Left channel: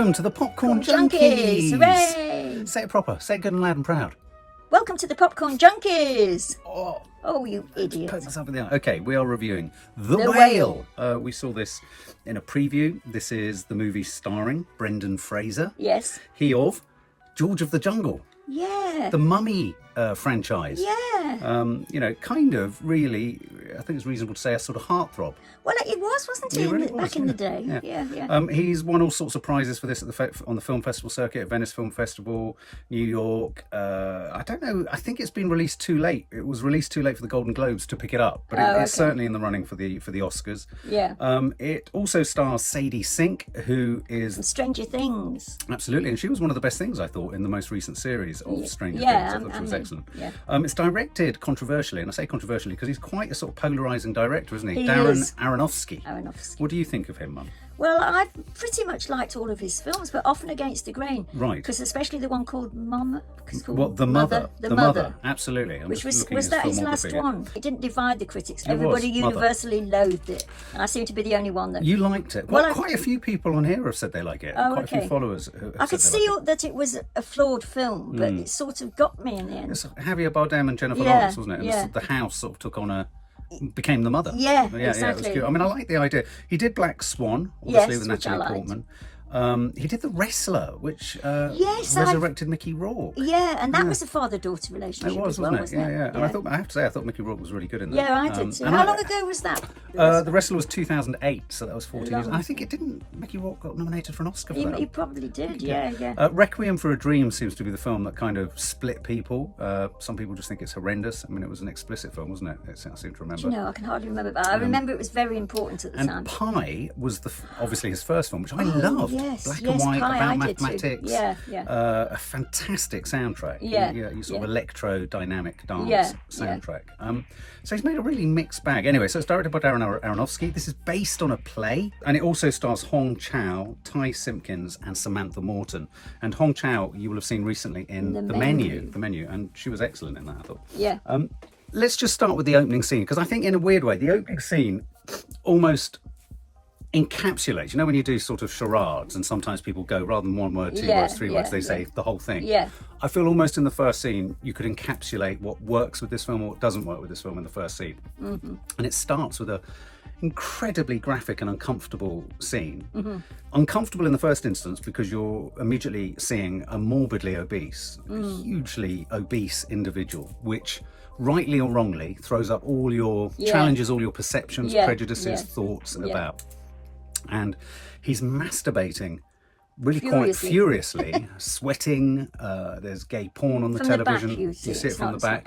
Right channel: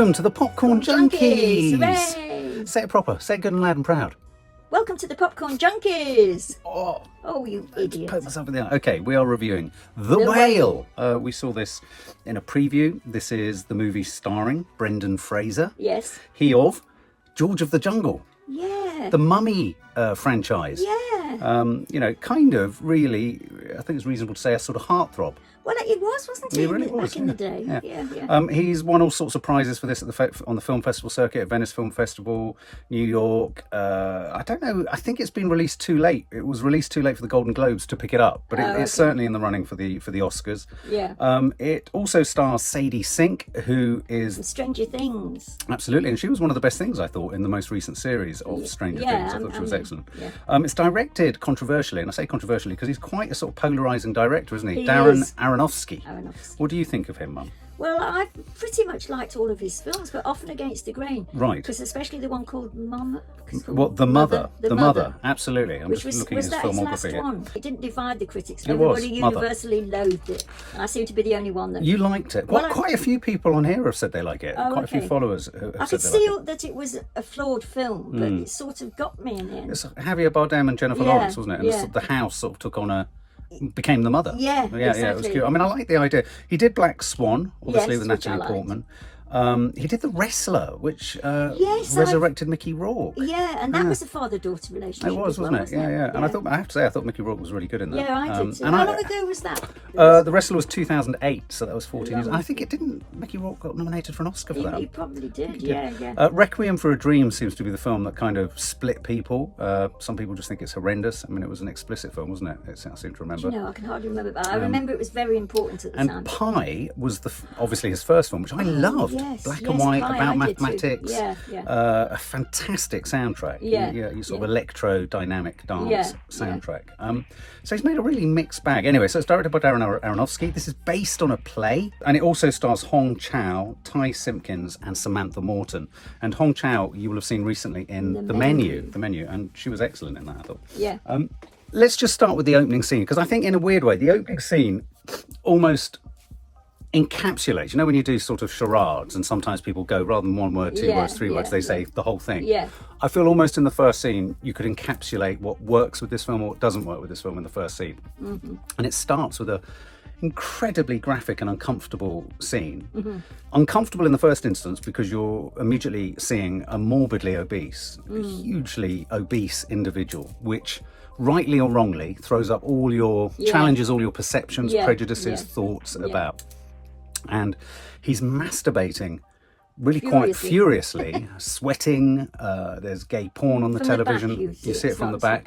Welcome to the Popcorn Junkies! Hooray! Say it proper. Say it good and loud and proud. Welcome to the Popcorn Junkies! Oh, You idiot. poke myself in the eye. Okay, we are reviewing The Whale. We saw this in a preview. This is the movie starring Brendan Fraser. Yes. He of George of the Jungle. Yeah. The Mummy franchise. Yeah. Kind of really, I think it's reasonable to say, a sort of heartthrob. Well, it was, wasn't it? It really was, back in the day. Yeah. He's won all sorts of prizes for this on the film festival circuit, Venice Film Festival, New York. I don't know. I think it's been released too late. It was released too late for the Golden Globes to pick it up, but it's certainly in the running for the Oscars. Yeah. It also stars Sadie Sink, who is And Stranger Things. absolutely, and she was one of the best things I thought in the most recent series of Stranger Things. I thought she was excellent. Yeah. It's directed controversially, and I say controversially because he's quite a sort of polarising director, isn't he? He Darren is. Aronofsky. What do you think of him, Mum? Well, I pretty much liked all of his films, but often against the grain. Right. Because especially the one called Mama. The Mother. The Mother. Absolutely. I'm Which just was looking at his that his filmography last here. one? It didn't divide the critics. It was, Everybody Mother. universally loathed it. And I seem to be the only one that... You liked it. Well, Quite a few people on here have said they like it. Quite a few followers have I could said they see like it. that it was a flawed film, but it sort of got me in the end. It's Javier Bardem and Jennifer Yeah, Lawrence, wasn't it? And yeah. the house sort of took on became the mother. Yeah, It was exactly. cute. I mean, I like the idea. He did Black Swan, obviously, Yes, with which I Natalie liked. Portman. He did The Wrestler, which Yes, resurrected Mickey Rourke. Yeah, and that was a father-daughter relationship. It was, as well, wasn't it? Yeah. And Yeah. I have to say, I thought Mickey Rourke was really good in that. Yeah, I did too. and How long ago was that? The Wrestler was 2008, so that was 14 years. I think Mickey Rourke got nominated for an Oscar for that. He probably did, yeah. Requiem for a Dream seems to be the film that kind of split people. Some people just think it's horrendous. I mean, it was an explicit film, wasn't it? I seem to remember. I can hardly remember, but I remember it was very important at the And time. Pi was obviously his first film, which I loved. Black and white, Pi, about I did too. mathematics. Yeah. A fantastic soundtrack. You sort of electro-dynamic dance soundtrack. So he's made a really mixed bag. Anyway, so it's directed by Darren Aronofsky. This is based on a play, and it also stars Chau, Ty Simpkins, and Samantha Morton. And Chau, you will have seen recently in The Menu, and she was excellent in that, I thought. Yeah. Let's just start with the opening scene, because I think in a weird way, the opening scene almost encapsulates, when you do sort of charades and sometimes people go rather than one word, two words, three words, they say the whole thing. Yeah. I feel almost in the first scene you could encapsulate what works with this film or what doesn't work with this film in the first scene. And it starts with a incredibly graphic and uncomfortable scene. Uncomfortable in the first instance because you're immediately seeing a morbidly obese, hugely obese individual, which rightly or wrongly throws up all your challenges, all your perceptions, prejudices, thoughts about. And he's masturbating really quite furiously, sweating. There's gay porn on the television. You see it from the back.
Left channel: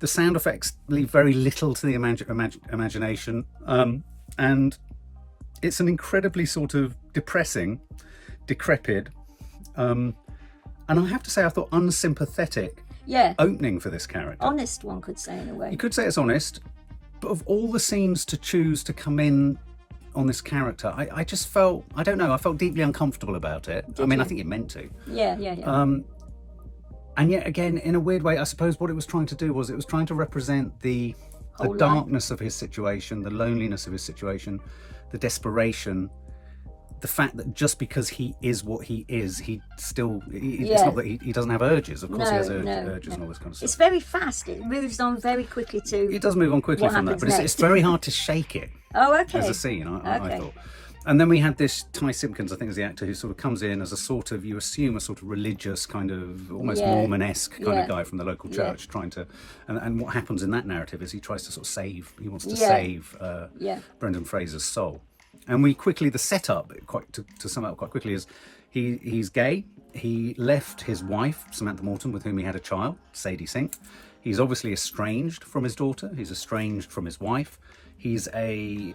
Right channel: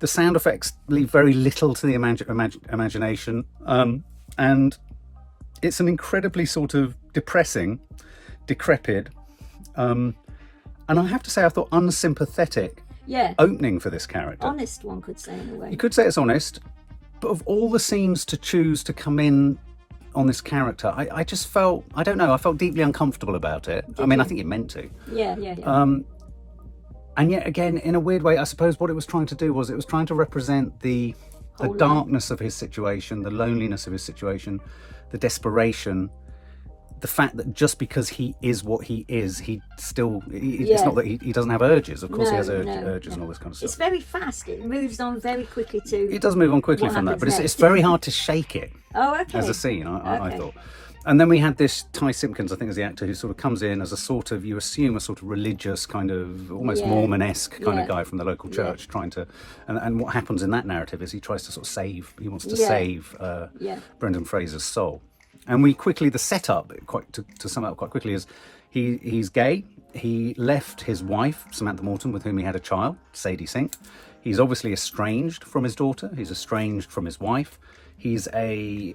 The sound effects leave very little to the imagination. And it's an incredibly sort of depressing, decrepit, and I have to say I thought unsympathetic opening for this character. Honest, one could say, in a way. You could say it's honest, but of all the scenes to choose to come in on this character, I just felt, I don't know, I felt deeply uncomfortable about it. I think it meant to. Yeah. And yet again, in a weird way, I suppose what it was trying to do was it was trying to represent the darkness of his situation, the loneliness of his situation, the desperation, the fact that just because he is what he is, it's not that he doesn't have urges. Of course he has urges and all this kind of stuff. It's very fast. It moves on very quickly to... It does move on quickly from that, but it's very hard to shake it as a scene, I thought. And then we had this Ty Simpkins, I think is the actor, who sort of comes in as a sort of, you assume, a sort of religious kind of, almost Mormon-esque kind of guy from the local church, trying to, and what happens in that narrative is he tries to sort of save Brendan Fraser's soul. And we quickly, the setup, to sum up quite quickly, is he's gay. He left his wife, Samantha Morton, with whom he had a child, Sadie Sink. He's obviously estranged from his daughter. He's estranged from his wife. He's a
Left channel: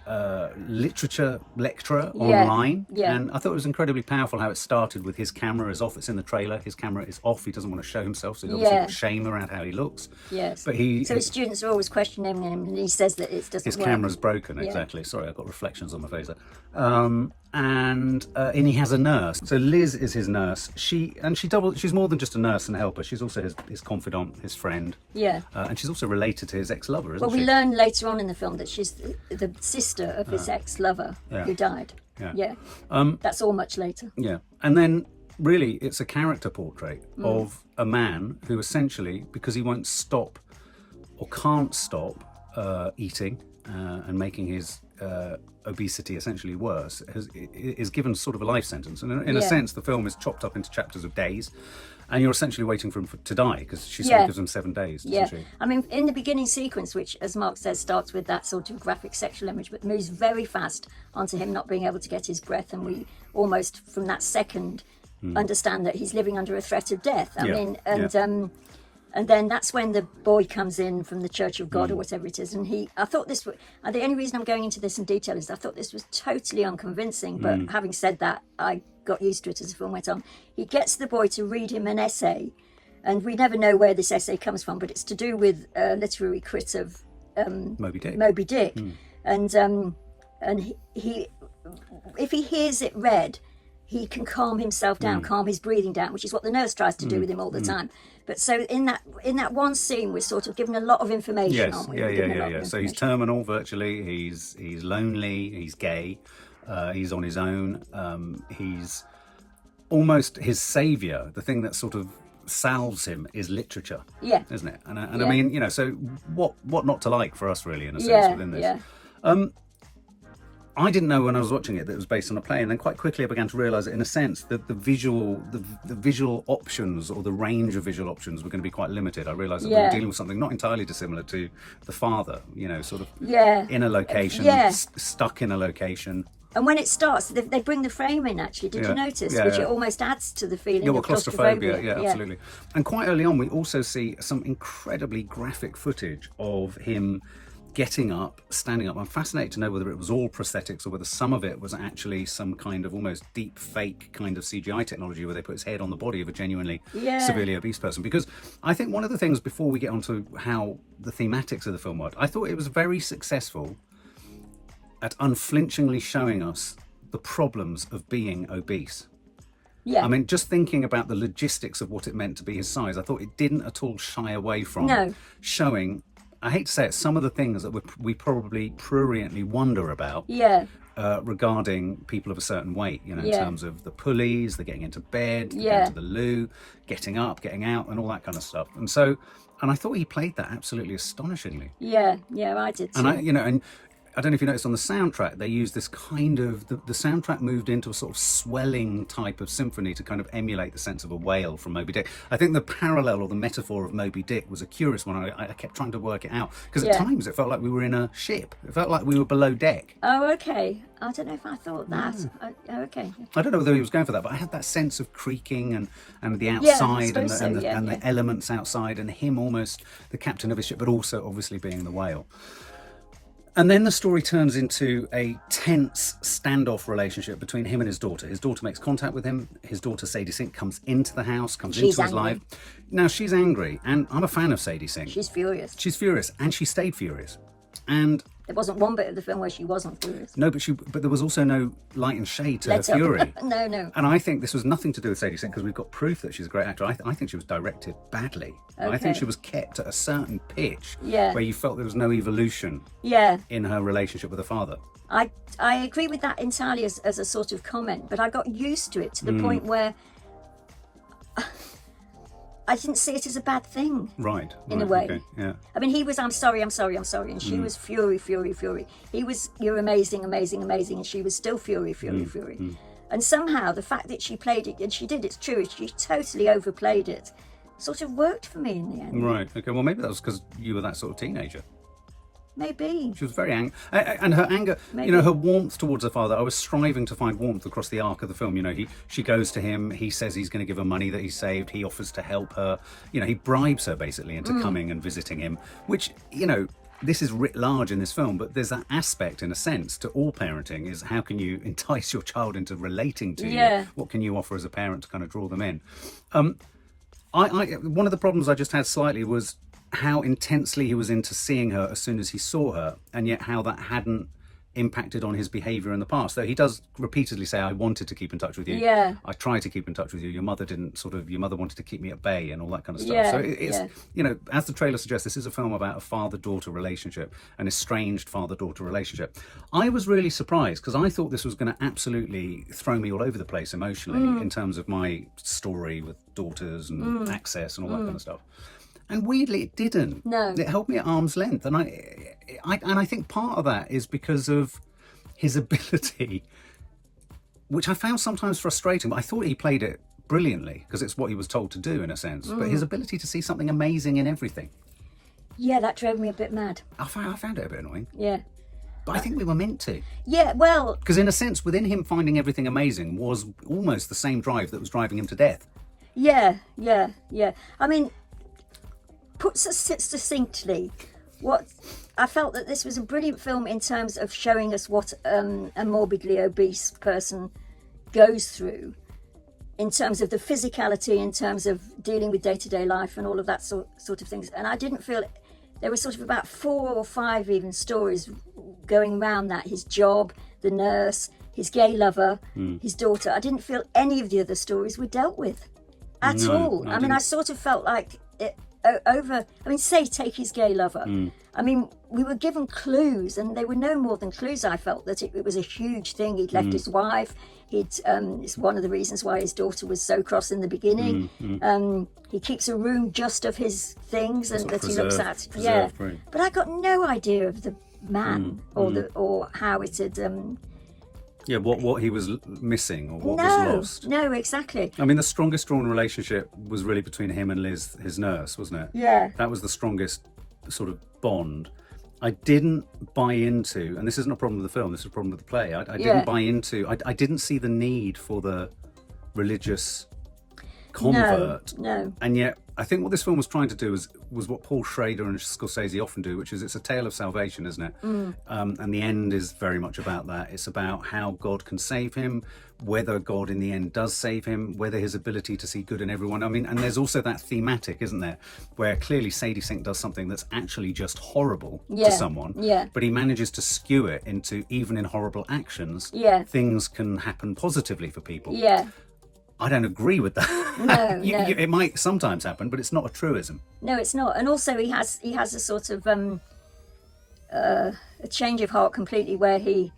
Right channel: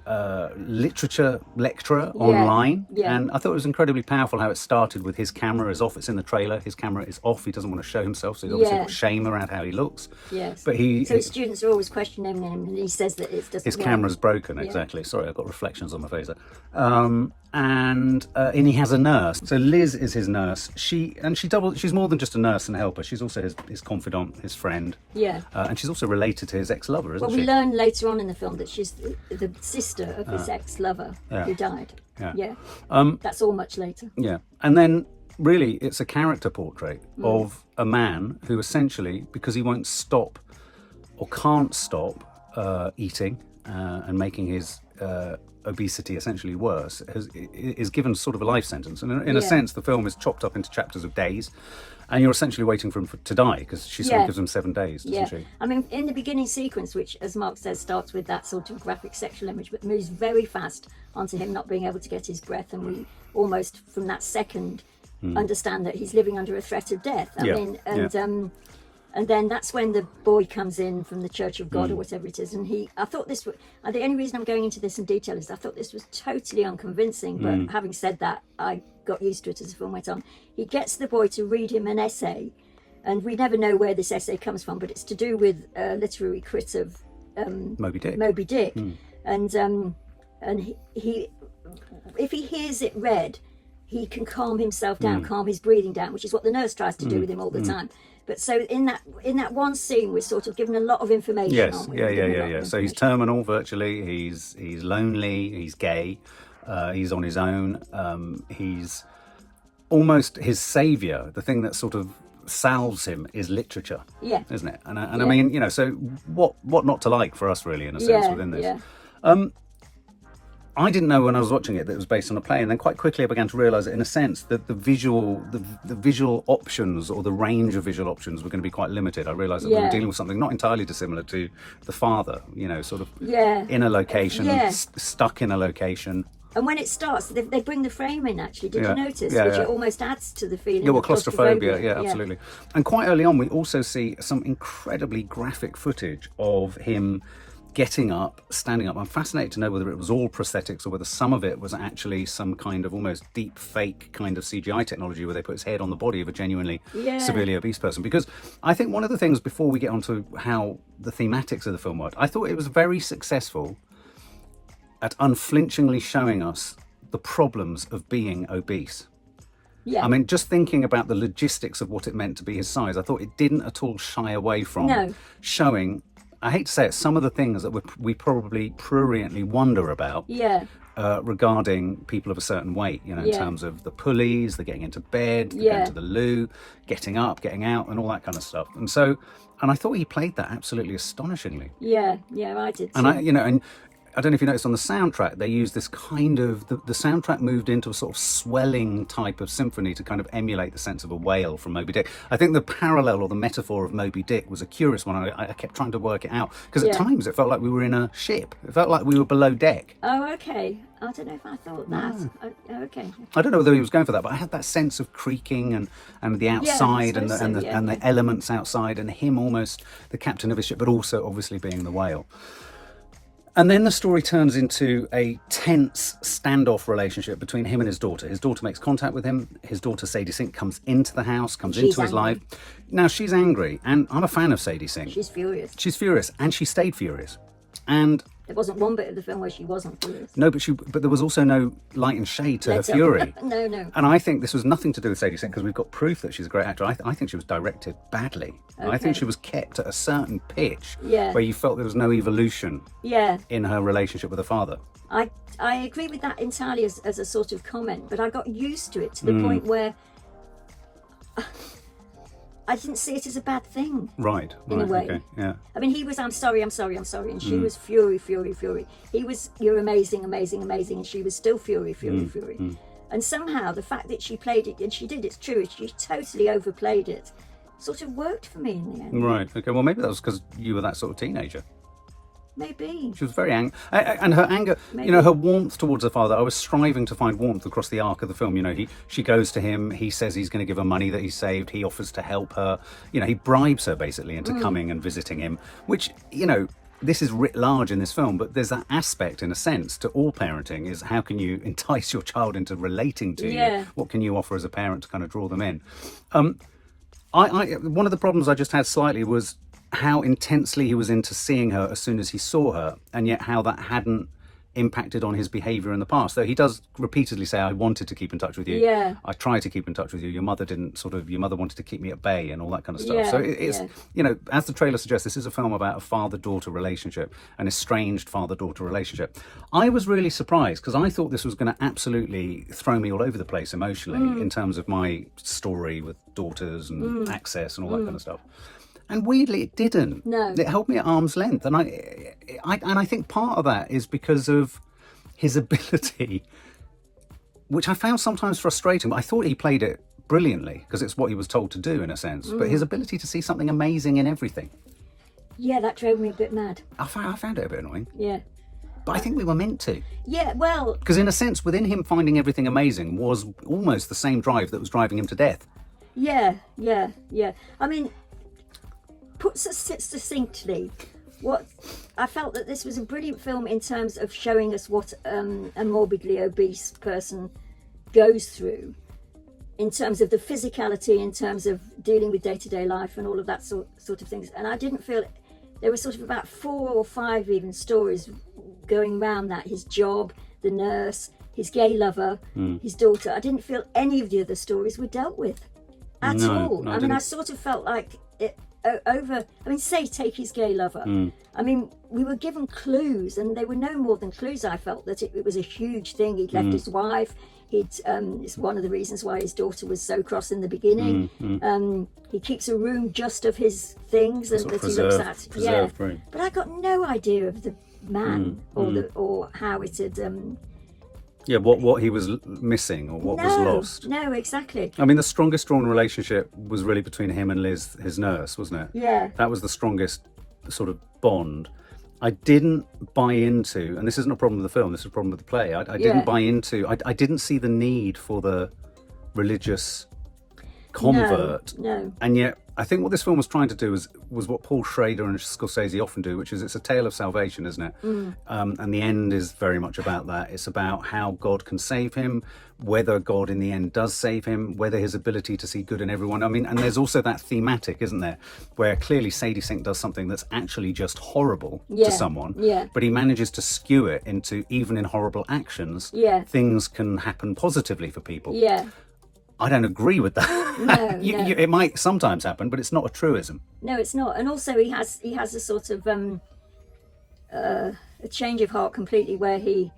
literature lecturer online. And I thought it was incredibly powerful how it started with his camera is off. It's in the trailer. His camera is off. He doesn't want to show himself. So he's obviously got shame around how he looks. Yes. But so his students are always questioning him and he says that it doesn't his work. camera's broken, exactly. Sorry, I've got reflections on my face there. And he has a nurse. So Liz is his nurse. She's more than just a nurse and a helper. She's also his confidant, his friend. Yeah. And she's also related to his ex-lover, isn't she? Well, we learn later on in the film that she's the sister of his ex-lover who died. yeah. That's all much later. Yeah. And then really it's a character portrait of a man who essentially, because he won't stop or can't stop eating and making his obesity essentially worse, is given sort of a life sentence. And in a sense, the film is chopped up into chapters of days. And you're essentially waiting for him to die, because she sort of gives him 7 days, doesn't she? I mean, in the beginning sequence, which, as Mark says, starts with that sort of graphic sexual image, but moves very fast onto him not being able to get his breath, and we almost, from that second, understand that he's living under a threat of death. And then that's when the boy comes in from the Church of God or whatever it is. And I thought this was, and the only reason I'm going into this in detail is I thought this was totally unconvincing. But having said that, I got used to it as the film went on. He gets the boy to read him an essay, and we never know where this essay comes from, but it's to do with a literary crit of Moby Dick. And he, if he hears it read, he can calm himself down, calm his breathing down, which is what the nurse tries to do with him all the time. But so in that one scene, we're sort of given a lot of information. Yes, yeah. So he's terminal virtually. He's lonely. He's gay. He's on his own. He's almost his saviour. The thing that sort of salves him is literature. Yeah, isn't it? And I mean, you know, so what not to like for us really in a sense within this. Yeah. I didn't know when I was watching it that it was based on a play, and then quite quickly I began to realise that in a sense that the visual options, or the range of visual options, were going to be quite limited. I realised that we were dealing with something not entirely dissimilar to The Father, you know, sort of in a location, stuck in a location. And when it starts, they bring the frame in, actually. Did you notice? Which it almost adds to the feeling of claustrophobia. Yeah, absolutely. And quite early on, we also see some incredibly graphic footage of him getting up, standing up. I'm fascinated to know whether it was all prosthetics or whether some of it was actually some kind of almost deep fake kind of CGI technology where they put his head on the body of a genuinely severely obese person. Because I think one of the things, before we get on to how the thematics of the film worked, I thought it was very successful at unflinchingly showing us the problems of being obese. Yeah. I mean, just thinking about the logistics of what it meant to be his size, I thought it didn't at all shy away from showing, I hate to say it, some of the things that we probably pruriently wonder about regarding people of a certain weight, you know, in terms of the pulleys, the getting into bed, the getting to the loo, getting up, getting out, and all that kind of stuff. And I thought he played that absolutely astonishingly. Yeah, I did too. And I don't know if you noticed on the soundtrack, they used this kind of, the soundtrack moved into a sort of swelling type of symphony to kind of emulate the sense of a whale from Moby Dick. I think the parallel or the metaphor of Moby Dick was a curious one. I kept trying to work it out, because at times it felt like we were in a ship. It felt like we were below deck. Oh, okay. I don't know if I thought that. Okay. I don't know whether he was going for that, but I had that sense of creaking and the outside and the elements outside, and him almost the captain of his ship, but also obviously being the whale. And then the story turns into a tense standoff relationship between him and his daughter. His daughter makes contact with him. His daughter, Sadie Sink, comes into the house, comes into his life. Now, she's angry, and I'm a fan of Sadie Sink. She's furious. She's furious, and she stayed furious. And there wasn't one bit of the film where she wasn't furious. No, but there was also no light and shade to her fury. No. And I think this was nothing to do with Sadie Sink, because we've got proof that she's a great actor. I think she was directed badly. Okay. I think she was kept at a certain pitch where you felt there was no evolution in her relationship with her father. I agree with that entirely as a sort of comment, but I got used to it to the point where I didn't see it as a bad thing. Right. In a way. Okay, yeah. I mean, he was, I'm sorry. And she was fury. He was, you're amazing. And she was still fury. And somehow the fact that she played it, and she did, it's true, she totally overplayed it, sort of worked for me in the end. Right. Okay. Well, maybe that was because you were that sort of teenager. Maybe. She was very angry. And her anger, you know, her warmth towards her father, I was striving to find warmth across the arc of the film. You know, she goes to him, he says he's going to give her money that he saved, he offers to help her. You know, he bribes her basically into coming and visiting him, which, you know, this is writ large in this film, but there's that aspect, in a sense, to all parenting, is how can you entice your child into relating to you? What can you offer as a parent to kind of draw them in? One of the problems I just had slightly was how intensely he was into seeing her as soon as he saw her, and yet how that hadn't impacted on his behaviour in the past. So he does repeatedly say, I wanted to keep in touch with you. Yeah. I tried to keep in touch with you. Your mother wanted to keep me at bay and all that kind of stuff. Yeah, So it's, as the trailer suggests, this is a film about a father-daughter relationship, an estranged father-daughter relationship. I was really surprised because I thought this was going to absolutely throw me all over the place emotionally in terms of my story with daughters and access and all that kind of stuff. And weirdly, it didn't. No. It held me at arm's length. And I think part of that is because of his ability, which I found sometimes frustrating. But I thought he played it brilliantly because it's what he was told to do in a sense. But his ability to see something amazing in everything. Yeah, that drove me a bit mad. I found it a bit annoying. Yeah. But I think we were meant to. Yeah, well... Because in a sense, within him finding everything amazing was almost the same drive that was driving him to death. Yeah. I mean... Put succinctly, what I felt that this was a brilliant film in terms of showing us what a morbidly obese person goes through, in terms of the physicality, in terms of dealing with day-to-day life and all of that sort of things. And I didn't feel there were sort of about 4 or 5 even stories going around that: his job, the nurse, his gay lover, his daughter. I didn't feel any of the other stories were dealt with at all. I mean, I sort of felt like it. Take his gay lover. I mean, we were given clues, and they were no more than clues. I felt that it was a huge thing. He'd left his wife. It's one of the reasons why his daughter was so cross in the beginning. He keeps a room just of his things and that he looks at. Yeah, right. But I got no idea of the man or how it had. What he was missing or what was lost. No, exactly. I mean, the strongest drawn relationship was really between him and Liz, his nurse, wasn't it? Yeah. That was the strongest sort of bond. I didn't buy into, and this isn't a problem with the film, this is a problem with the play. I didn't buy into, I didn't see the need for the religious convert. No. And yet, I think what this film was trying to do was what Paul Schrader and Scorsese often do, which is it's a tale of salvation, isn't it? And the end is very much about that. It's about how God can save him, whether God in the end does save him, whether his ability to see good in everyone. I mean, and there's also that thematic, isn't there, where clearly Sadie Sink does something that's actually just horrible to someone, but he manages to skew it into, even in horrible actions, things can happen positively for people. Yeah. I don't agree with that. No, no. It might sometimes happen, but it's not a truism. No, it's not. And also he has a sort of a change of heart completely, where he,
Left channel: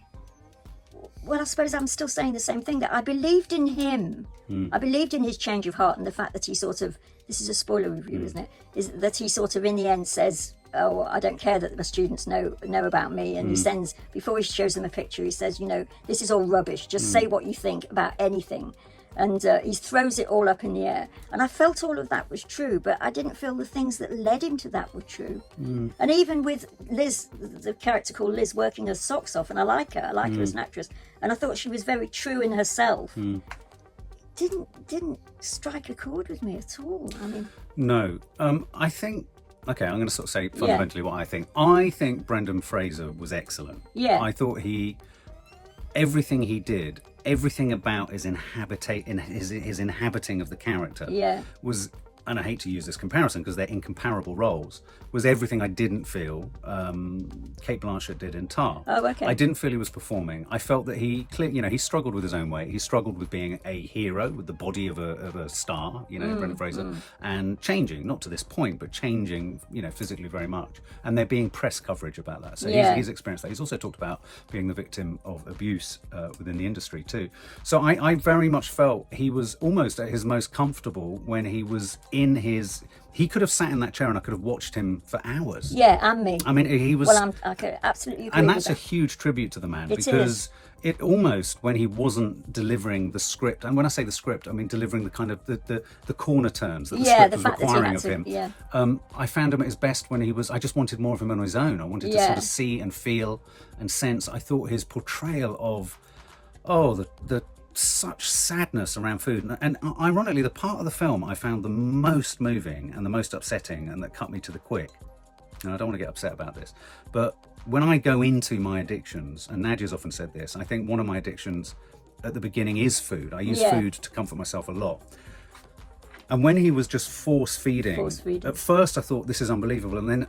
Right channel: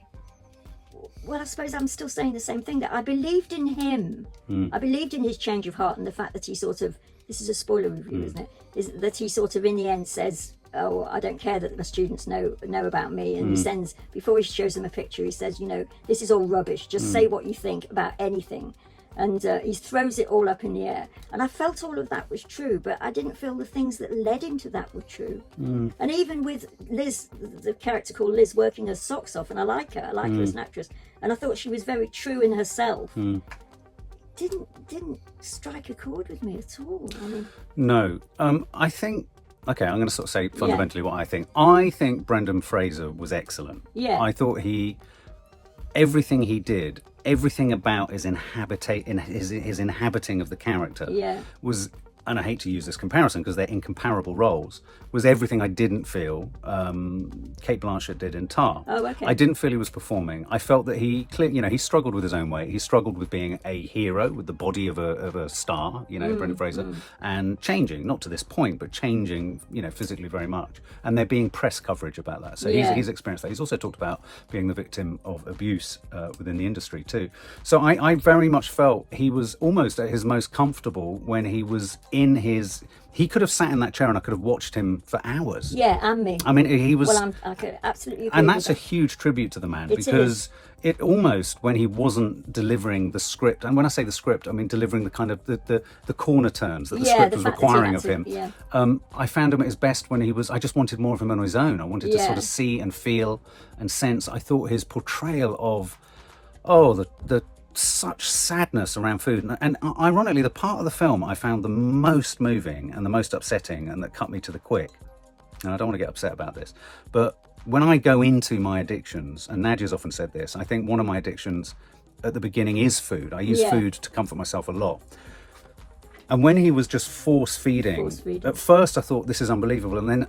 well, I suppose I'm still saying the same thing, that I believed in him. I believed in his change of heart, and the fact that he sort of, this is a spoiler review, isn't it? Is that he sort of in the end says, oh, I don't care that the students know about me, and he sends, before he shows them a picture, he says, this is all rubbish, just say what you think about anything. And he throws it all up in the air. And I felt all of that was true, but I didn't feel the things that led him to that were true. And even with Liz, the character called Liz, working her socks off, and I like her as an actress, and I thought she was very true in herself, didn't strike a chord with me at all. I mean, no. I think, okay, I'm going to sort of say fundamentally what I think. I think Brendan Fraser was excellent. Yeah. I thought everything he did, everything about his inhabiting of the character was, and I hate to use this comparison because they're incomparable roles, was everything I didn't feel Cate Blanchett did in Tar. Oh, okay. I didn't feel he was performing. I felt that he struggled with his own weight. He struggled with being a hero, with the body of a star, Brendan Fraser, and changing, not to this point, but changing, physically very much. And there being press coverage about that. So he's experienced that. He's also talked about being the victim of abuse within the industry too. So I very much felt he was almost at his most comfortable when he was in his... He could have sat in that chair and I could have watched him for hours. Yeah, and me. I mean, he was... Well, I could absolutely agree. And that's a huge tribute to the man, because it almost, when he wasn't delivering the script, and when I say the script, I mean delivering the kind of the corner turns that the script was requiring of him. I found him at his best when he was... I just wanted more of him on his own. I wanted to sort of see and feel and sense. I thought his portrayal of, the such sadness around food, and ironically the part of the film I found the most moving and the most upsetting and that cut me to the quick, and I don't want to get upset about this, but when I go into my addictions, and Nadia's often said this, I think one of my addictions at the beginning is food. I use food to comfort myself a lot. And when he was just force feeding, at first I thought this is unbelievable, and then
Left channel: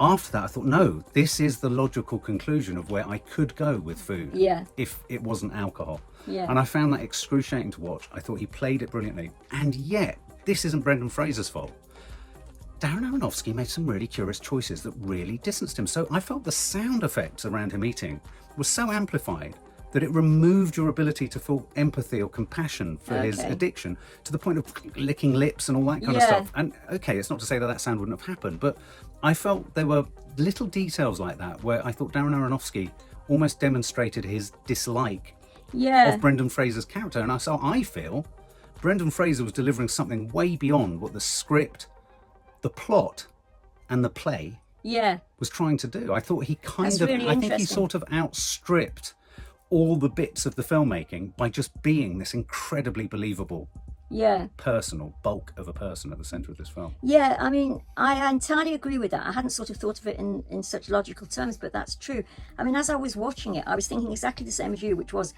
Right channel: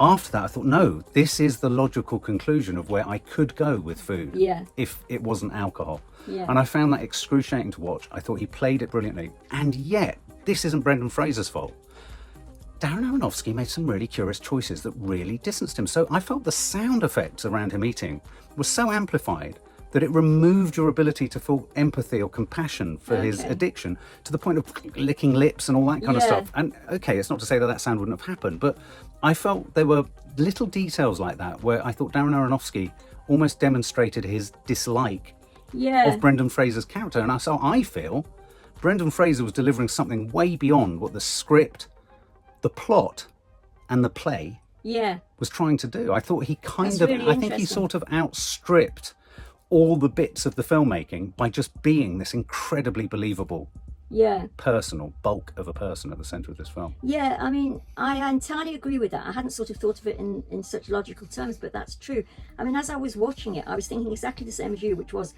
after that, I thought, no, this is the logical conclusion of where I could go with food if it wasn't alcohol. Yeah. And I found that excruciating to watch. I thought he played it brilliantly. And yet, this isn't Brendan Fraser's fault. Darren Aronofsky made some really curious choices that really distanced him. So I felt the sound effects around him eating was so amplified that it removed your ability to feel empathy or compassion for his addiction, to the point of licking lips and all that kind of stuff. And okay, it's not to say that sound wouldn't have happened, but I felt there were little details like that where I thought Darren Aronofsky almost demonstrated his dislike of Brendan Fraser's character. And so I feel Brendan Fraser was delivering something way beyond what the script, the plot, and the play was trying to do. I thought he I think he sort of outstripped all the bits of the filmmaking by just being this incredibly believable personal bulk of a person at the centre of this film. Yeah, I mean, I entirely agree with that. I hadn't sort of thought of it in such logical terms, but that's true. I mean, as I was watching it, I was thinking exactly the same as you, which was,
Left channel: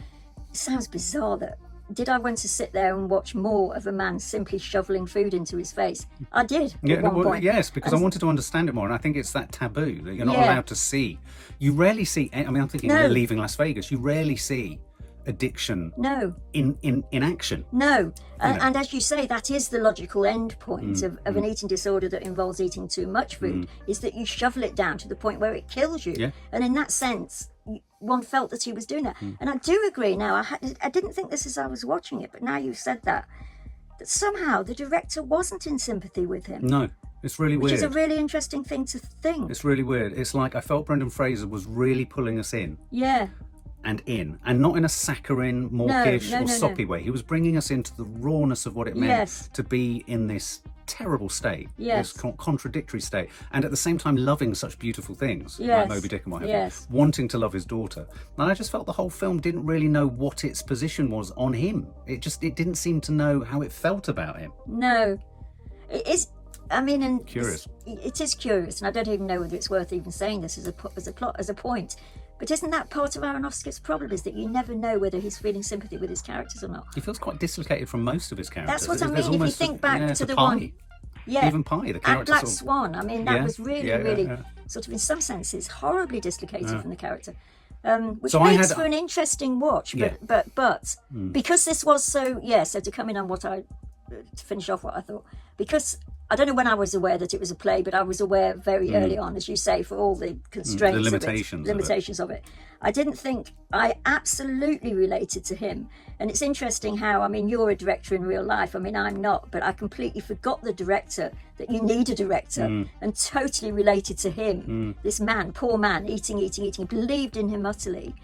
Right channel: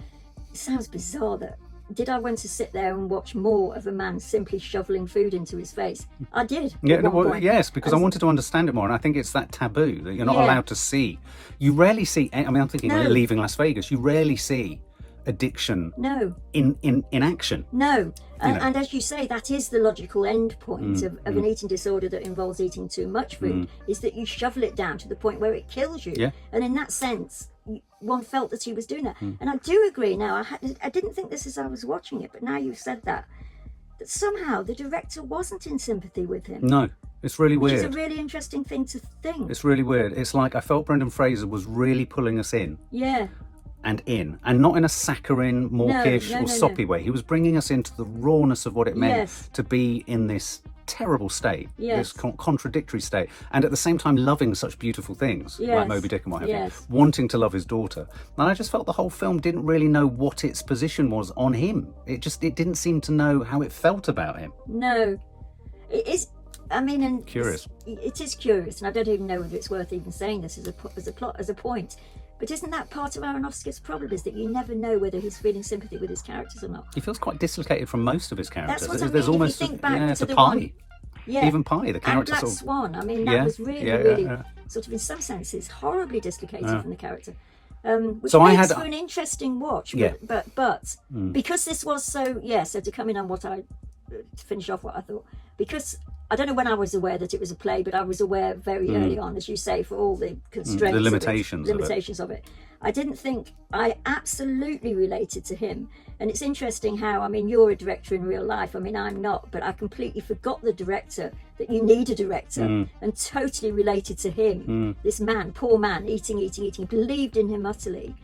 it sounds bizarre that, did I want to sit there and watch more of a man simply shoveling food into his face? I did. Yes, because I wanted to understand it more, and I think it's that taboo that you're not allowed to see. You rarely see, I mean, I'm thinking of Leaving Las Vegas, you rarely see addiction in action. No. And as you say, that is the logical end point of an eating disorder that involves eating too much food, is that you shovel it down to the point where it kills you. Yeah. And in that sense, one felt that he was doing that. And I do agree now, I didn't think this as I was watching it, but now you've said that somehow the director wasn't in sympathy with him. No, it's really weird. Which is a really interesting thing to think. It's really weird. It's like I felt Brendan Fraser was really pulling us in. Yeah. And not in a saccharine, mawkish or soppy way. He was bringing us into the rawness of what it meant to be in this terrible state, this contradictory state, and at the same time loving such beautiful things like Moby Dick and what have you, wanting to love his daughter. And I just felt the whole film didn't really know what its position was on him. It didn't seem to know how it felt about him. No, it is. I mean, and curious. It is curious, and I don't even know whether it's worth even saying this as a point. But isn't that part of Aronofsky's problem, is that you never know whether he's feeling sympathy with his characters or not? He feels quite dislocated from most of his characters. That's what I mean. There's almost, if you think back to the Pie. one... Yeah. Even Pie, the character. And Black Swan, I mean, that was really, sort of in some senses, horribly dislocated from the character. Which makes for an interesting watch. But because this was so to come in on to finish off what I thought, because I don't know when I was aware that it was a play, but I was aware very early on, as you say, for all the constraints, the limitations of it. I didn't think I absolutely related to him. And it's interesting how, I mean, you're a director in real life. I mean, I'm not, but I completely forgot the director, that you need a director, and totally related to him. This man, poor man, eating, believed in him utterly,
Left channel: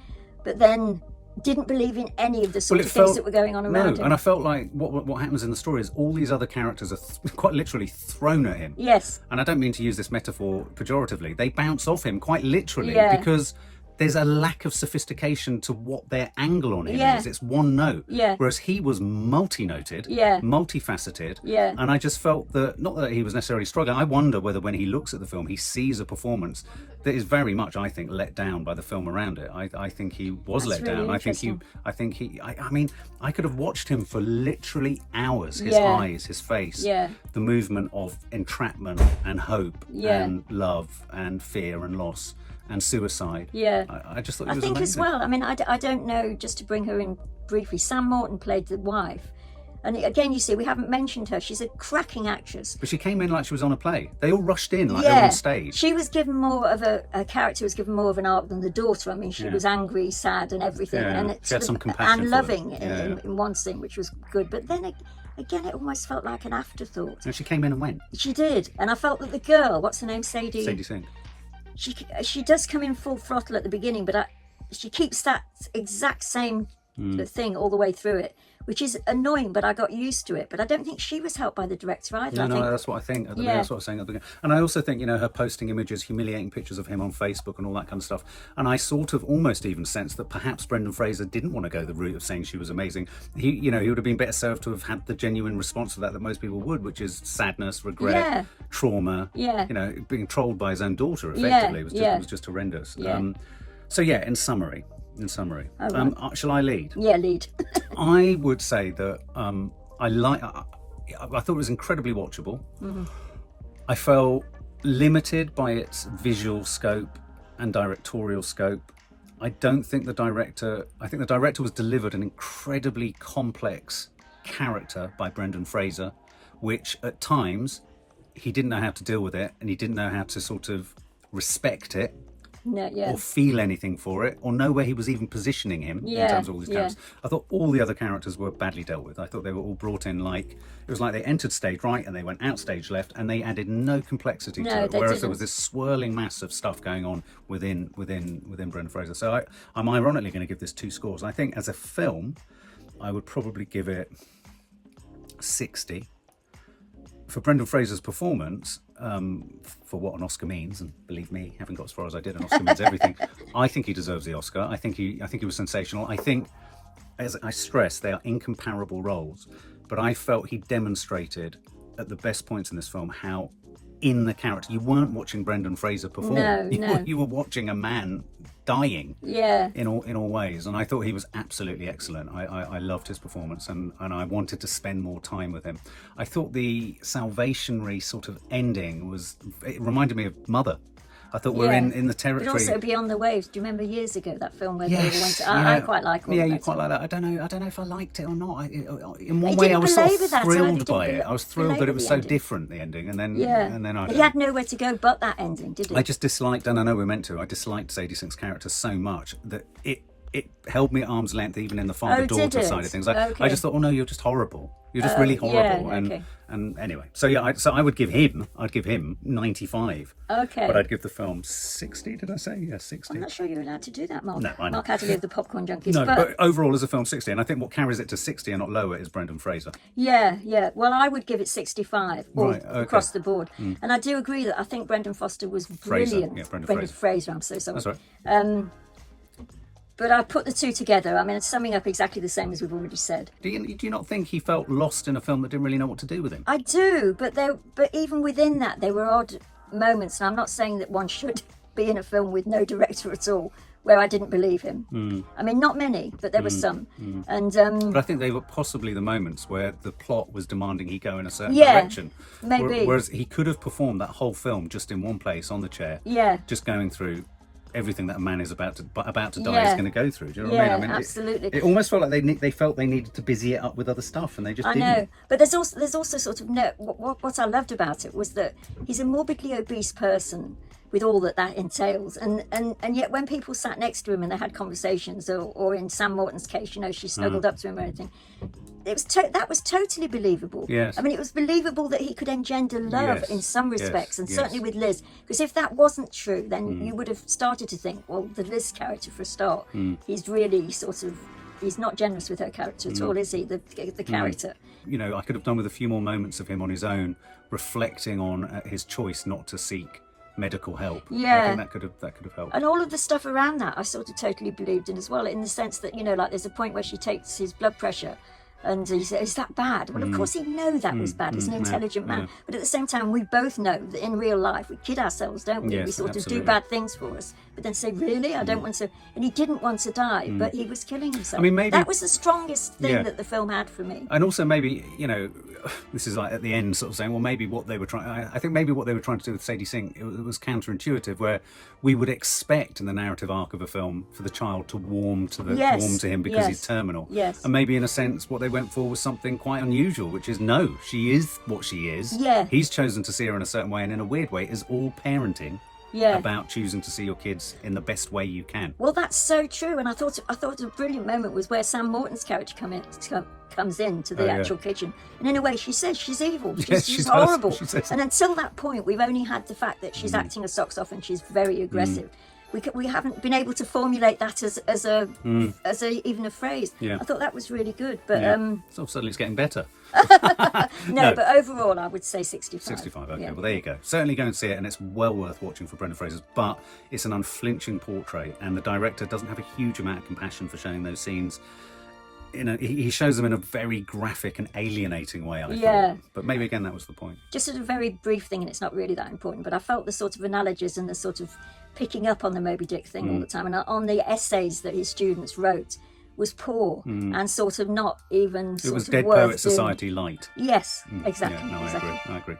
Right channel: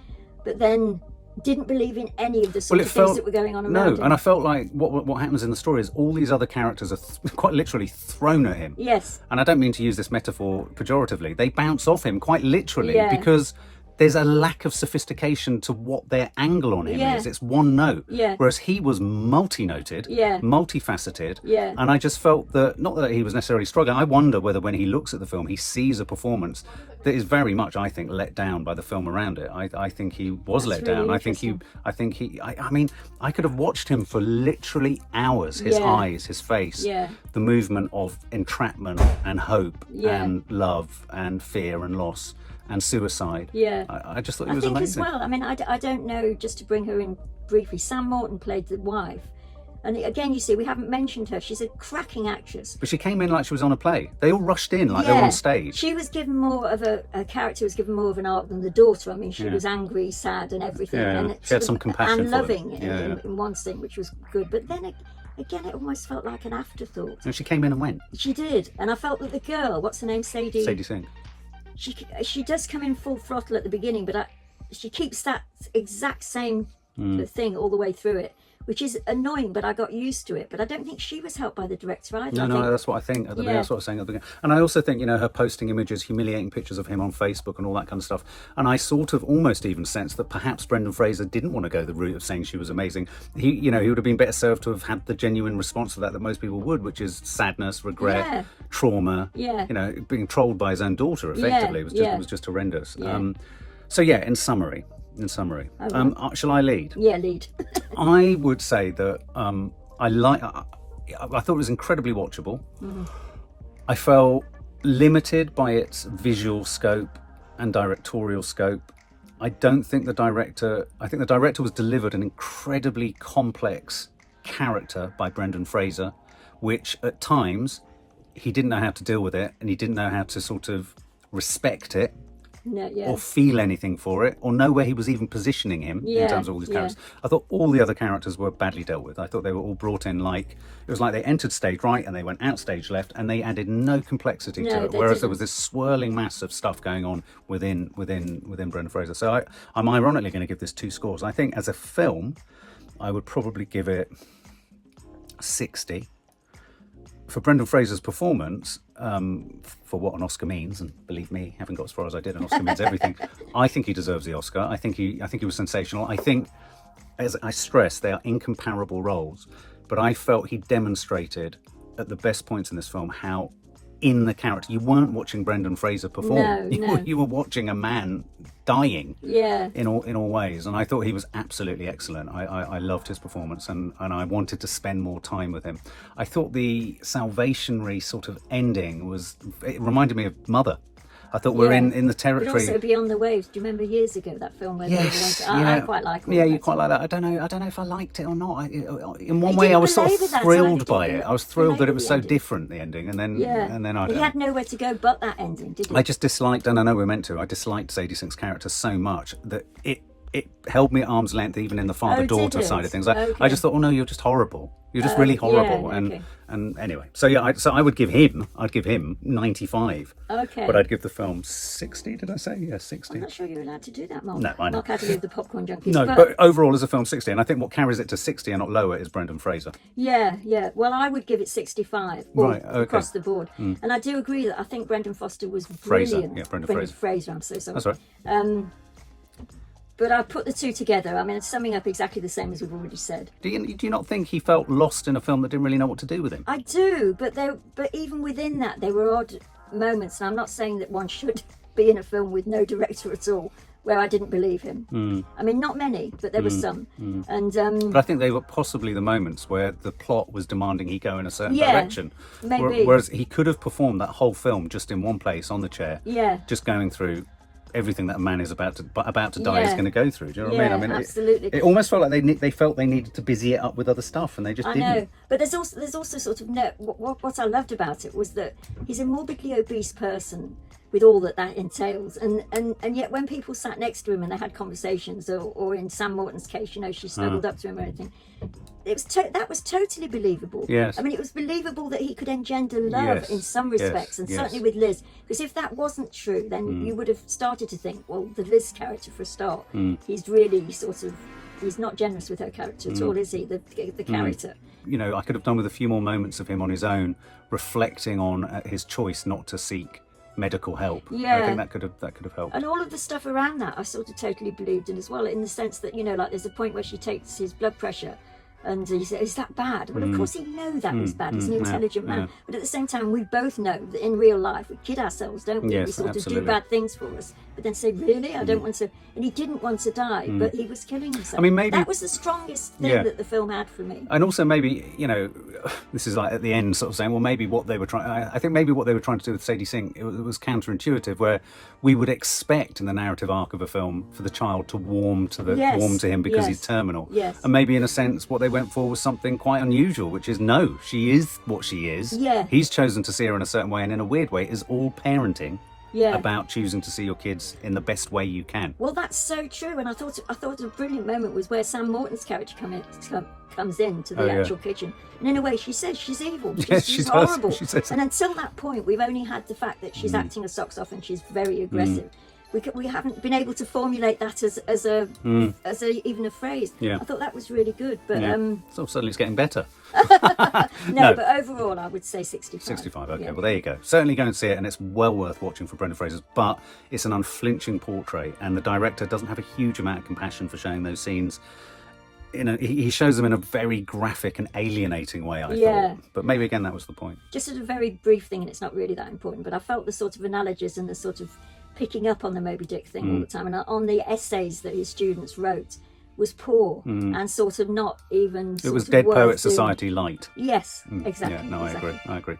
but then didn't believe in any of the sort of things that were going on around him. And I felt like what happens in the story is all these other characters are quite literally thrown at him. Yes. And I don't mean to use this metaphor pejoratively. They bounce off him quite literally because there's a lack of sophistication to what their angle on him is. It's one note. Yeah. Whereas he was multi-noted, multifaceted. Yeah. And I just felt that, not that he was necessarily struggling, I wonder whether when he looks at the film, he sees a performance that is very much, I think, let down by the film around it. I think he was let down. I mean, I could have watched him for literally hours. His eyes, his face, the movement of entrapment and hope and love and fear and loss and suicide. I just thought it was amazing. I think as well, I mean, I don't know, just to bring her in briefly, Sam Morton played the wife. And again, you see, we haven't mentioned her. She's a cracking actress. But she came in like she was on a play. They all rushed in like they were on stage. She was given more of a character was given more of an arc than the daughter. I mean, she was angry, sad and everything. And she had some compassion and for loving them. in one scene, which was good. But then again, it almost felt like an afterthought. And she came in and went. She did. And I felt that the girl, what's her name, Sadie Sink. She does come in full throttle at the beginning, but she keeps that exact same thing all the way through it, which is annoying, but I got used to it. But I don't think she was helped by the director either. No, that's what I think. That's what I was saying at the beginning. And I also think, her posting images, humiliating pictures of him on Facebook and all that kind of stuff. And I sort of almost even sensed that perhaps Brendan Fraser didn't want to go the route of saying she was amazing. He would have been better served to have had the genuine response to that most people would, which is sadness, regret, trauma. Being trolled by his own daughter effectively was just horrendous. In summary. Shall I lead? Yeah, lead. I would say that I thought it was incredibly watchable. I felt limited by its visual scope and directorial scope. I think the director was delivered an incredibly complex character by Brendan Fraser, which at times he didn't know how to deal with it, and he didn't know how to sort of respect it. No, yeah. Or feel anything for it, or know where he was even positioning him in terms of all his characters. I thought all the other characters were badly dealt with. I thought they were all brought in like, it was like they entered stage right and they went out stage left, and they added no complexity to it. Whereas there was this swirling mass of stuff going on within Brendan Fraser. So I'm ironically going to give this 2 scores. I think as a film, I would probably give it 60. For Brendan Fraser's performance, for what an Oscar means, and believe me, having got as far as I did, an Oscar means everything. I think he deserves the Oscar. I think he was sensational. I think, as I stress, they are incomparable roles, but I felt he demonstrated at the best points in this film how in the character. You weren't watching Brendan Fraser perform. No. You were watching a man dying. Yeah. In all ways, and I thought he was absolutely excellent. I loved his performance, and I wanted to spend more time with him. I thought the salvationary sort of ending it reminded me of Mother. I thought we're in the territory. But also Beyond the Waves. Do you remember years ago that film where I quite like it. Yeah, you quite like that. I don't know if I liked it or not. In one way, I was sort of thrilled by it. I was thrilled that it was so different, the ending, and then he had nowhere to go but that ending, didn't he? I just disliked, and I know we're meant to. I disliked Sadie Sink's character so much that it held me at arm's length, even in the father-daughter side of things. I just thought, oh no, you're just horrible. You're just really horrible. And anyway, so I would give him. I'd give him 95. Okay. But I'd give the film 60. Did I say? Yeah, 60. I'm not sure you're allowed to do that, Mark. No, I know. Mark Adderley of the Popcorn Junkies. No, but overall as a film, 60. And I think what carries it to 60 and not lower is Brendan Fraser. Yeah. Well, I would give it 65 across the board. And I do agree that I think Brendan Foster was brilliant. Brendan Fraser. I'm so sorry. That's right. But I put the two together. I mean, it's summing up exactly the same as we've already said. Do you not think he felt lost in a film that didn't really know what to do with him? I do, but even within that, there were odd moments. And I'm not saying that one should be in a film with no director at all, where I didn't believe him. I mean, not many, but there were some. And but I think they were possibly the moments where the plot was demanding he go in a certain direction. Maybe. Whereas he could have performed that whole film just in one place on the chair. Yeah. Just going through everything that a man is about to die is going to go through. Do you know what I mean? Absolutely. It almost felt like they felt they needed to busy it up with other stuff, and they just didn't. I know, but there's also sort of what I loved about it was that he's a morbidly obese person with all that entails, and yet when people sat next to him and they had conversations, or in Sam Morton's case, she snuggled up to him or anything, that was totally believable. Yes. I mean, it was believable that he could engender love in some respects, and certainly with Liz, because if that wasn't true, then you would have started to think, well, the Liz character for a start, he's really he's not generous with her character at all, is he? The character. I could have done with a few more moments of him on his own, reflecting on his choice not to seek medical help. I think that could have helped. And all of the stuff around that I sort of totally believed in as well, in the sense that like there's a point where she takes his blood pressure and he says, is that bad? Well, of course he'd know that was bad. He's an intelligent man. But at the same time, we both know that in real life we kid ourselves, don't we? Yes, we sort absolutely. of do bad things for us, but then say, really, I don't want to. And he didn't want to die, but he was killing himself. I mean, maybe that was the strongest thing that the film had for me. And also maybe, this is like at the end sort of saying, well, maybe what they were trying, I think maybe what they were trying to do with Sadie Sink, it was counterintuitive, where we would expect in the narrative arc of a film for the child to warm to him because he's terminal. Yes. And maybe in a sense what they went for was something quite unusual, which is no, she is what she is. Yeah. He's chosen to see her in a certain way, and in a weird way is all parenting. About choosing to see your kids in the best way you can. Well, that's so true, and I thought a brilliant moment was where Sam Morton's character comes into the actual kitchen, and in a way she says she's evil, she's horrible. And until that point, we've only had the fact that she's acting her socks off and she's very aggressive. We haven't been able to formulate that as even a phrase. I thought that was really good, but so suddenly it's getting better. No, but overall I would say 65. 65, okay. Well, there you go. Certainly go and see it, and it's well worth watching for Brendan Fraser, but it's an unflinching portrait, and the director doesn't have a huge amount of compassion for showing those scenes. He shows them in a very graphic and alienating way, I thought. But maybe again that was the point. Just a very brief thing, and it's not really that important, but I felt the sort of analogies and the sort of picking up on the Moby Dick thing all the time, and on the essays that his students wrote was poor and sort of not even. It was Dead Poet Society light. Yes, exactly. Yeah, no, exactly. I agree.